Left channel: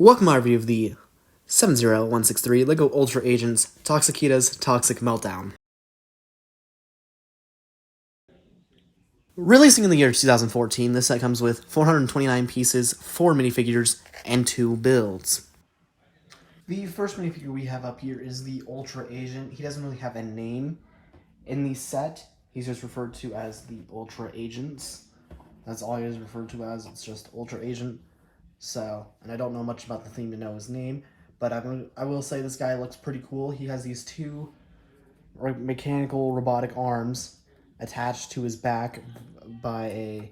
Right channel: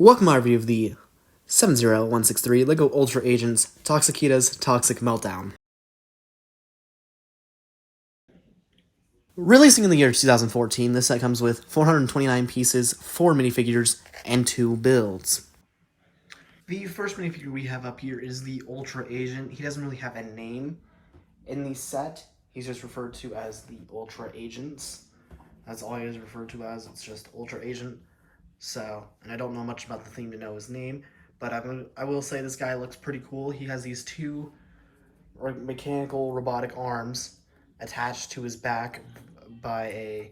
Welcome to my review of the 70163 LEGO Ultra Agents Toxikita's Toxic Meltdown. Releasing in the year 2014, this set comes with 429 pieces, 4 minifigures, and 2 builds. The first minifigure we have up here is the Ultra Agent. He doesn't really have a name in the set. He's just referred to as the Ultra Agents. That's all he is referred to as. It's just Ultra Agent. So, and I don't know much about the theme to know his name, but I will say this guy looks pretty cool. He has these two mechanical robotic arms attached to his back by a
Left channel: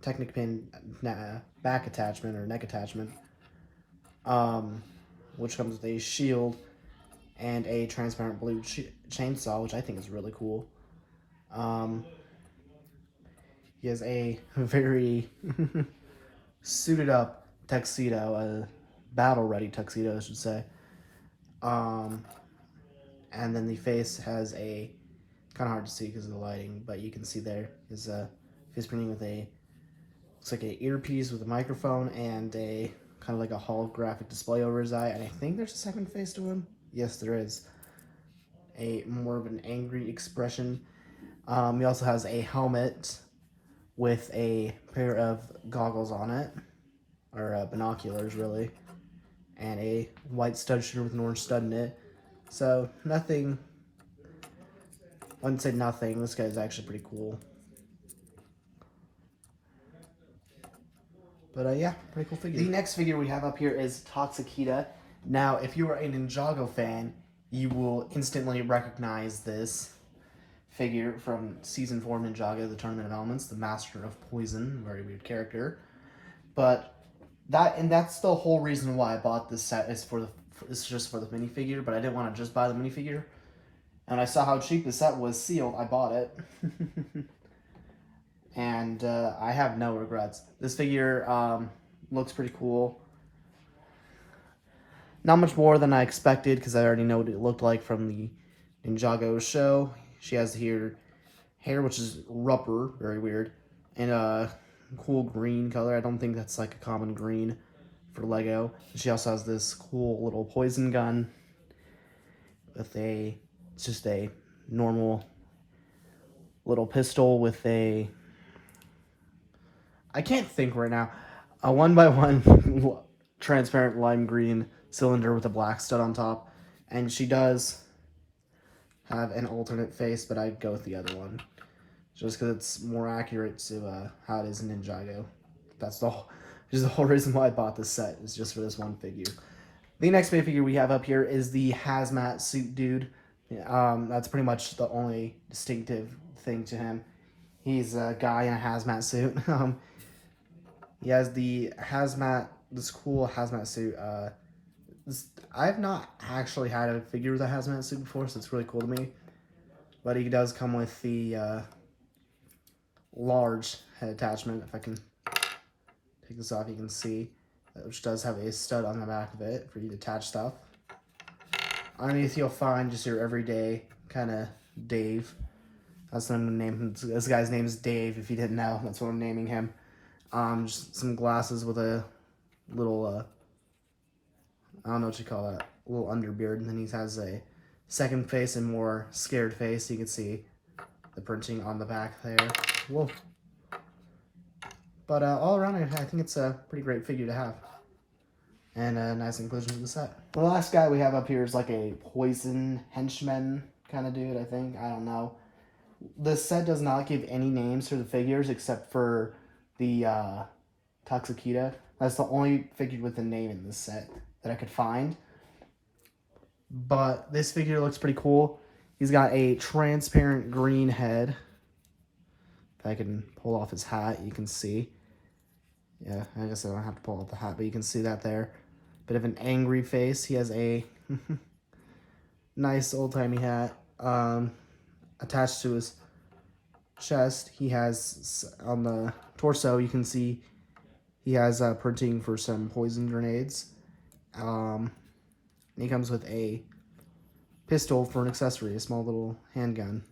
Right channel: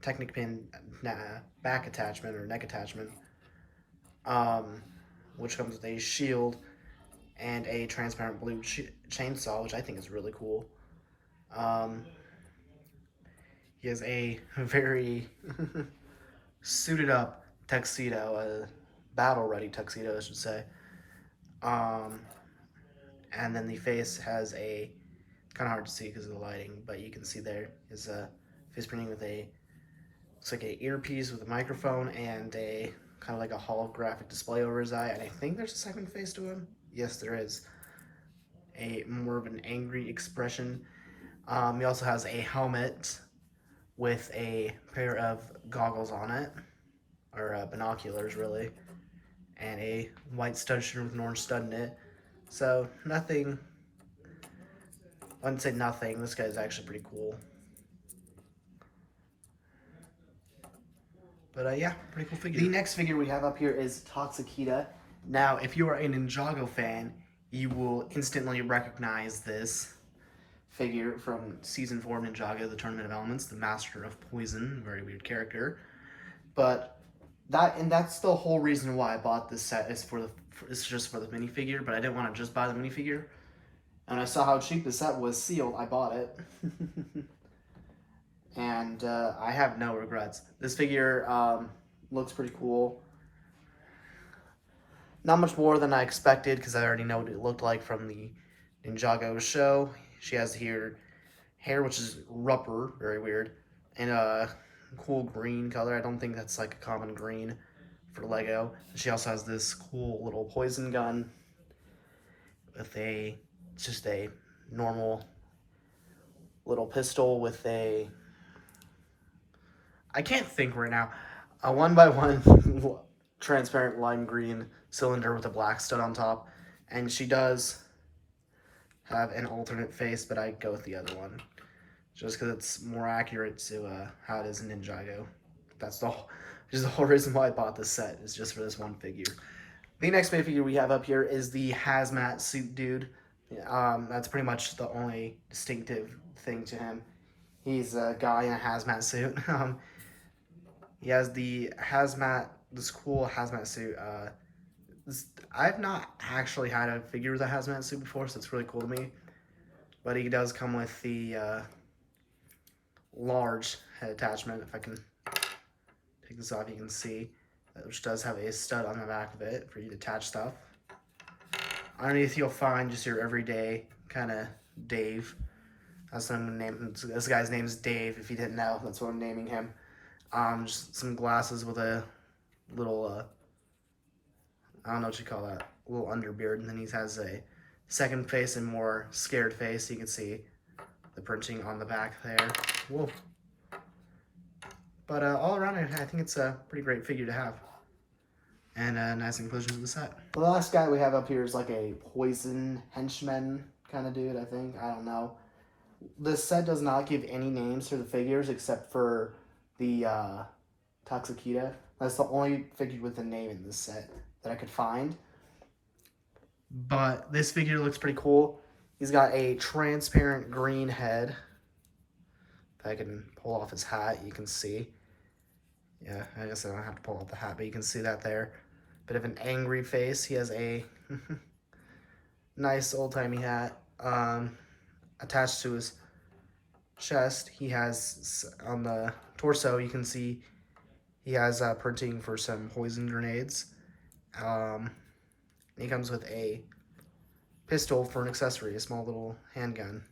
Technic pin back attachment or neck attachment, which comes with a shield and a transparent blue chainsaw, which I think is really cool. He has a very suited up tuxedo, a battle ready tuxedo, I should say. And then the face has a, kind of hard to see because of the lighting, but you can see there is a face printing with a, looks like an earpiece with a microphone and a kind of like a holographic display over his eye. And I think there's a second face to him. Yes, there is. A more of an angry expression. He also has a helmet with a pair of goggles on it, or binoculars really, and a white stud shooter with an orange stud in it. So nothing, I wouldn't say nothing, this guy is actually pretty cool. But yeah, pretty cool figure. The next figure we have up here is Toxikita. Now, if you are a Ninjago fan, you will instantly recognize this figure from Season 4 Ninjago, the Tournament of Elements, the Master of Poison, very weird character. But that's the whole reason why I bought this set, is just for the minifigure, but I didn't want to just buy the minifigure. And I saw how cheap the set was sealed, I bought it. And I have no regrets. This figure looks pretty cool. Not much more than I expected, because I already know what it looked like from the Ninjago show. She has hair which is rubber, very weird, and a cool green color. I don't think that's like a common green for Lego. She also has this cool little poison gun with just a normal little pistol with a, I can't think right now, a 1x1 transparent lime green cylinder with a black stud on top, and she does have an alternate face, but I'd go with the other one just because it's more accurate to how it is in Ninjago. That's the whole reason why I bought this set, is just for this one figure. The next figure we have up here is the Hazmat suit dude. That's pretty much the only distinctive thing to him. He's a guy in a hazmat suit. He has the this cool hazmat suit. I've not actually had a figure with a hazmat suit before, so it's really cool to me. But he does come with the large head attachment. If I can take this off, you can see, which does have a stud on the back of it for you to attach stuff. Underneath, you'll find just your everyday kind of Dave. That's what I'm gonna name him. This guy's name is Dave. If you didn't know, that's what I'm naming him. Just some glasses with a little I don't know what you call that, a little underbeard, and then he has a second face and more scared face. You can see the printing on the back there. Whoa. But all around, I think it's a pretty great figure to have, and a nice inclusion to the set. The last guy we have up here is like a poison henchman kind of dude, I think. I don't know. This set does not give any names for the figures except for the Toxikita. That's the only figure with a name in this set that I could find. But this figure looks pretty cool. He's got a transparent green head. If I can pull off his hat, you can see. Yeah, I guess I don't have to pull off the hat, but you can see that there. Bit of an angry face. He has a nice old-timey hat attached to his chest. He has, on the torso, you can see he has printing for some poison grenades. He comes with a pistol for an accessory, a small little handgun.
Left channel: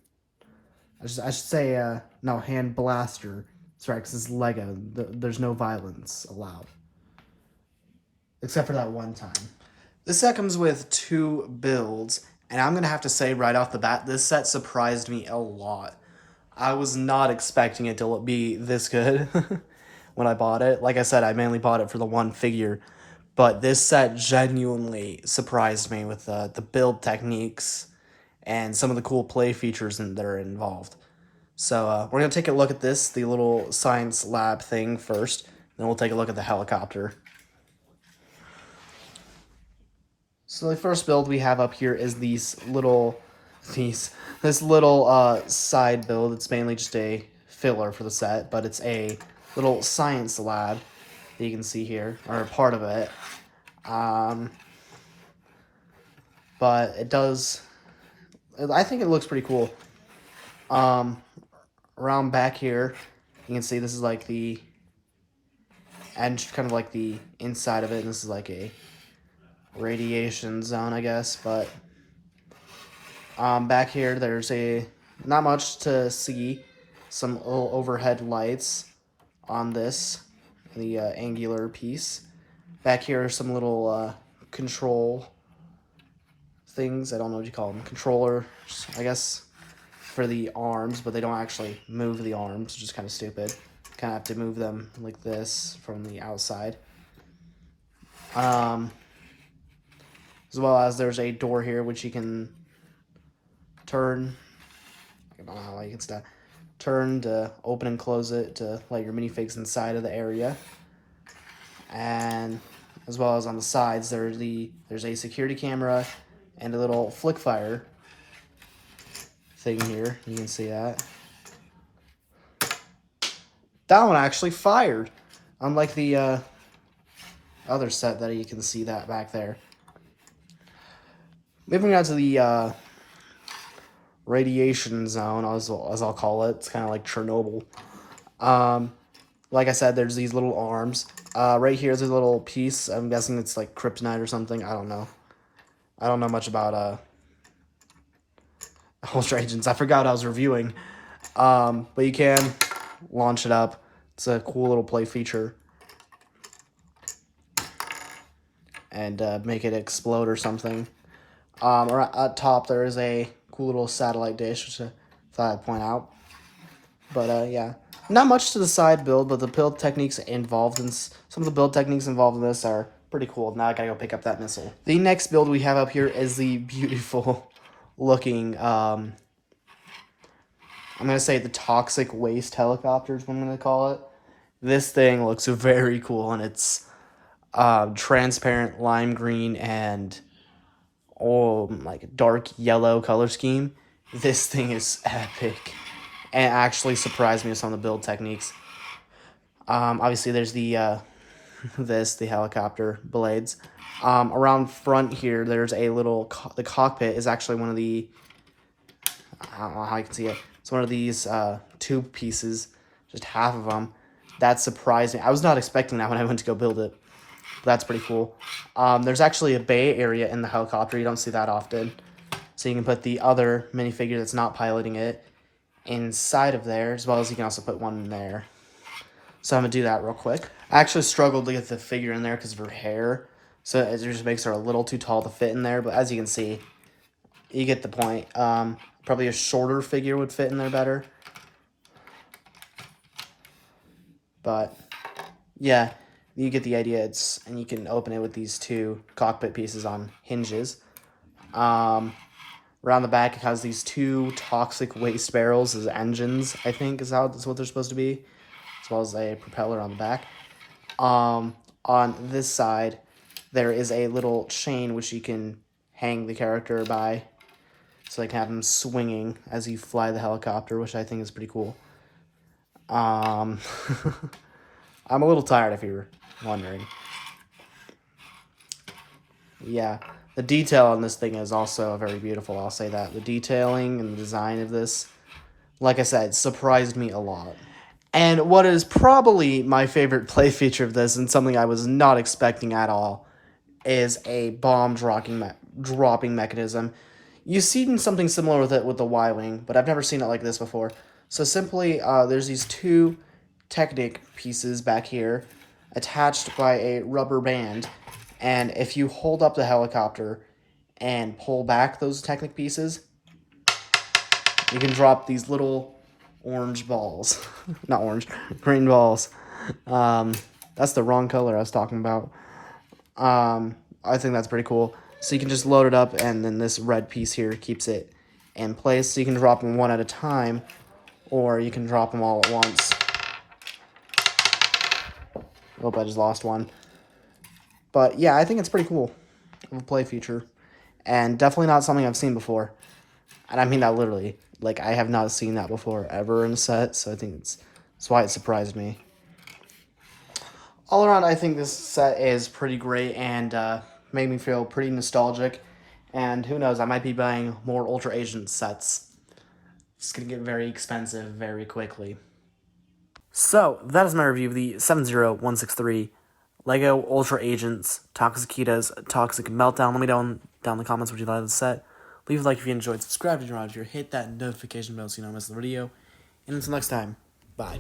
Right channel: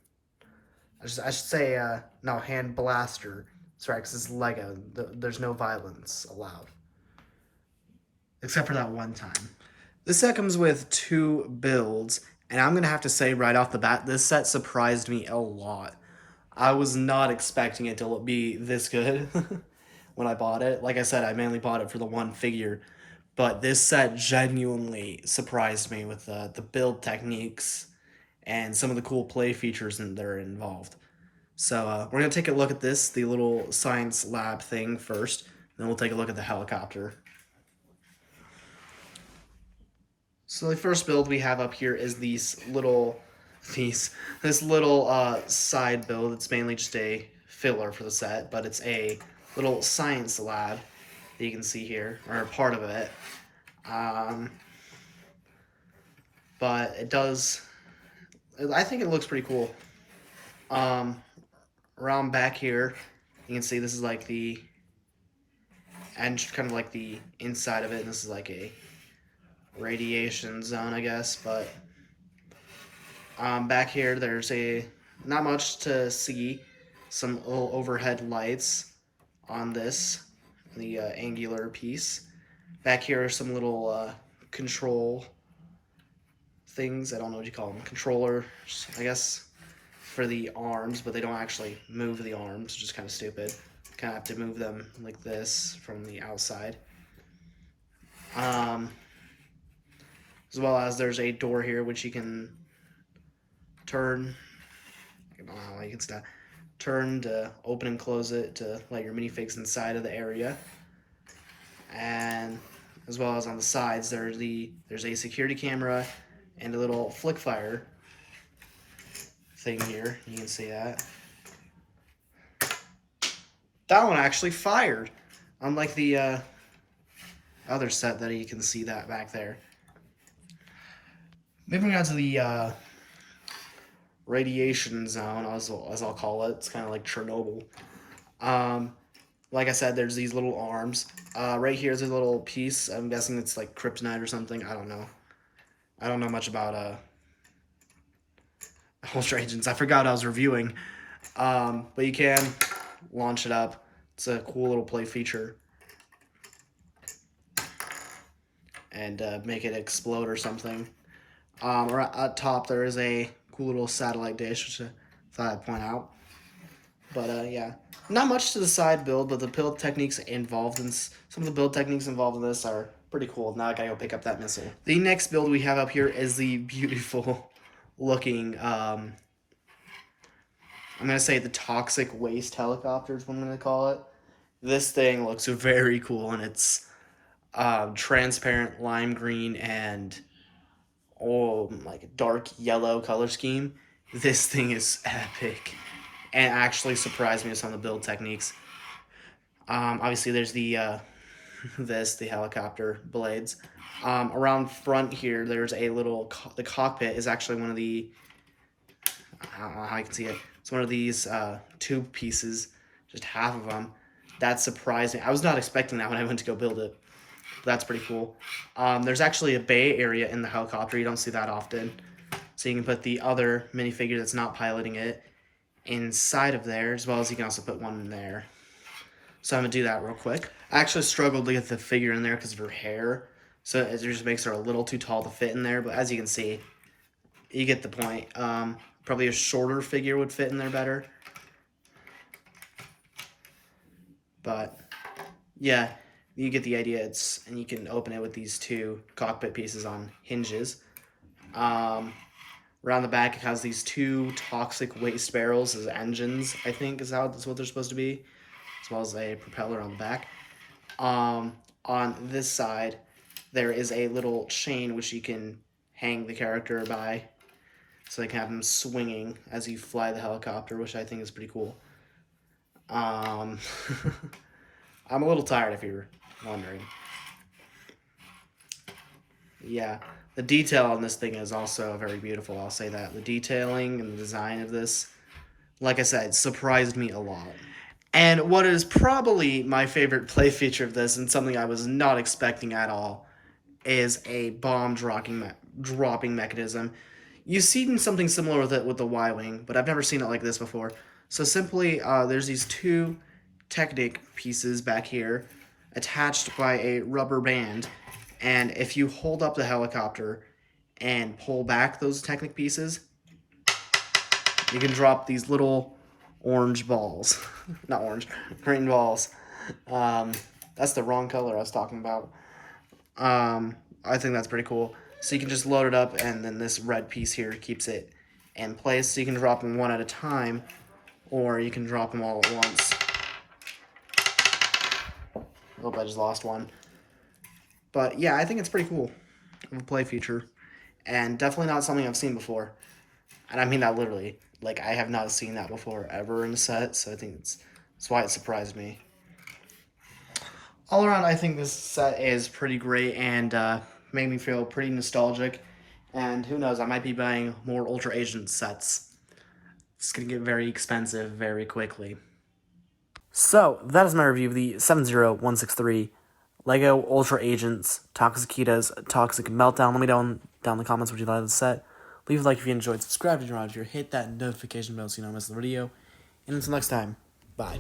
I should say, no, hand blaster. That's right, because it's Lego. There's no violence allowed. except for that one time. This set comes with 2 builds, and I'm going to have to say right off the bat, this set surprised me a lot. I was not expecting it to be this good when I bought it. Like I said, I mainly bought it for the one figure, but this set genuinely surprised me with the build techniques and some of the cool play features that are involved. So we're going to take a look at this, the little science lab thing first, then we'll take a look at the helicopter. So the first build we have up here is this little side build. It's mainly just a filler for the set, but it's a little science lab that you can see here, or part of it. But it does, I think it looks pretty cool. Around back here, you can see this is like the edge, kind of like the inside of it, and this is like a radiation zone, I guess, but back here there's not much to see. Some little overhead lights on the angular piece. Back here are some little control things. I don't know what you call them. Controllers, I guess, for the arms, but they don't actually move the arms, which is kind of stupid. Kind of have to move them like this from the outside. As well as there's a door here which you can turn. I don't know how you can start. Turn to open and close it to let your minifigs inside of the area. And as well as on the sides, there's a security camera and a little flick fire thing here. You can see that. That one actually fired, unlike the other set that you can see that back there. Moving on to the radiation zone, as I'll call it. It's kind of like Chernobyl. Like I said, there's these little arms. Right here's a little piece. I'm guessing it's like kryptonite or something. I don't know. I don't know much about Ultra Agents. I forgot I was reviewing. But you can launch it up. It's a cool little play feature. And make it explode or something. Or at top there is a cool little satellite dish, which I thought I'd point out. But yeah, not much to the side build, but the build techniques involved in some of the build techniques involved in this are pretty cool. Now I gotta go pick up that missile. The next build we have up here is the beautiful looking, I'm gonna say the toxic waste helicopter is what I'm gonna call it. This thing looks very cool, and it's transparent lime green and like dark yellow color scheme. This thing is epic and actually surprised me with some of the build techniques. Obviously there's the the helicopter blades. Around front here there's a little the cockpit is actually one of the, I don't know how you can see it, it's one of these tube pieces, just half of them. That surprised me. I was not expecting that when I went to go build it. That's pretty cool. There's actually a bay area in the helicopter. You don't see that often. So you can put the other minifigure that's not piloting it inside of there, as well as you can also put one in there. So I'm going to do that real quick. I actually struggled to get the figure in there because of her hair. So it just makes her a little too tall to fit in there. But as you can see, you get the point. Probably a shorter figure would fit in there better. But yeah, you get the idea. And you can open it with these 2 cockpit pieces on hinges. Around the back, it has these 2 toxic waste barrels as engines, I think is what they're supposed to be, as well as a propeller on the back. On this side, there is a little chain which you can hang the character by, so they can have them swinging as you fly the helicopter, which I think is pretty cool. I'm a little tired if you were wondering. Yeah, the detail on this thing is also very beautiful, I'll say that. The detailing and the design of this, like I said, surprised me a lot. And what is probably my favorite play feature of this, and something I was not expecting at all, is a bomb dropping mechanism. You've seen something similar with it with the Y-Wing, but I've never seen it like this before. So simply, there's these 2 Technic pieces back here attached by a rubber band, And if you hold up the helicopter and pull back those Technic pieces, you can drop these little orange balls. Not orange, green balls. That's the wrong color I was talking about. I think that's pretty cool. So you can just load it up, and then this red piece here keeps it in place. So you can drop them one at a time, or you can drop them all at once. Oh, I just lost one. But yeah, I think it's pretty cool of a play feature, and definitely not something I've seen before. And I mean that literally. Like, I have not seen that before ever in a set, so I think that's why it surprised me. All around, I think this set is pretty great and made me feel pretty nostalgic. And who knows, I might be buying more Ultra Agent sets. It's going to get very expensive very quickly. So, that is my review of the 70163 LEGO Ultra Agents Toxikita's Toxic Meltdown. Let me know down in the comments what you thought of the set. Leave a like if you enjoyed, subscribe if you're not here, hit that notification bell so you don't miss the video. And until next time, bye.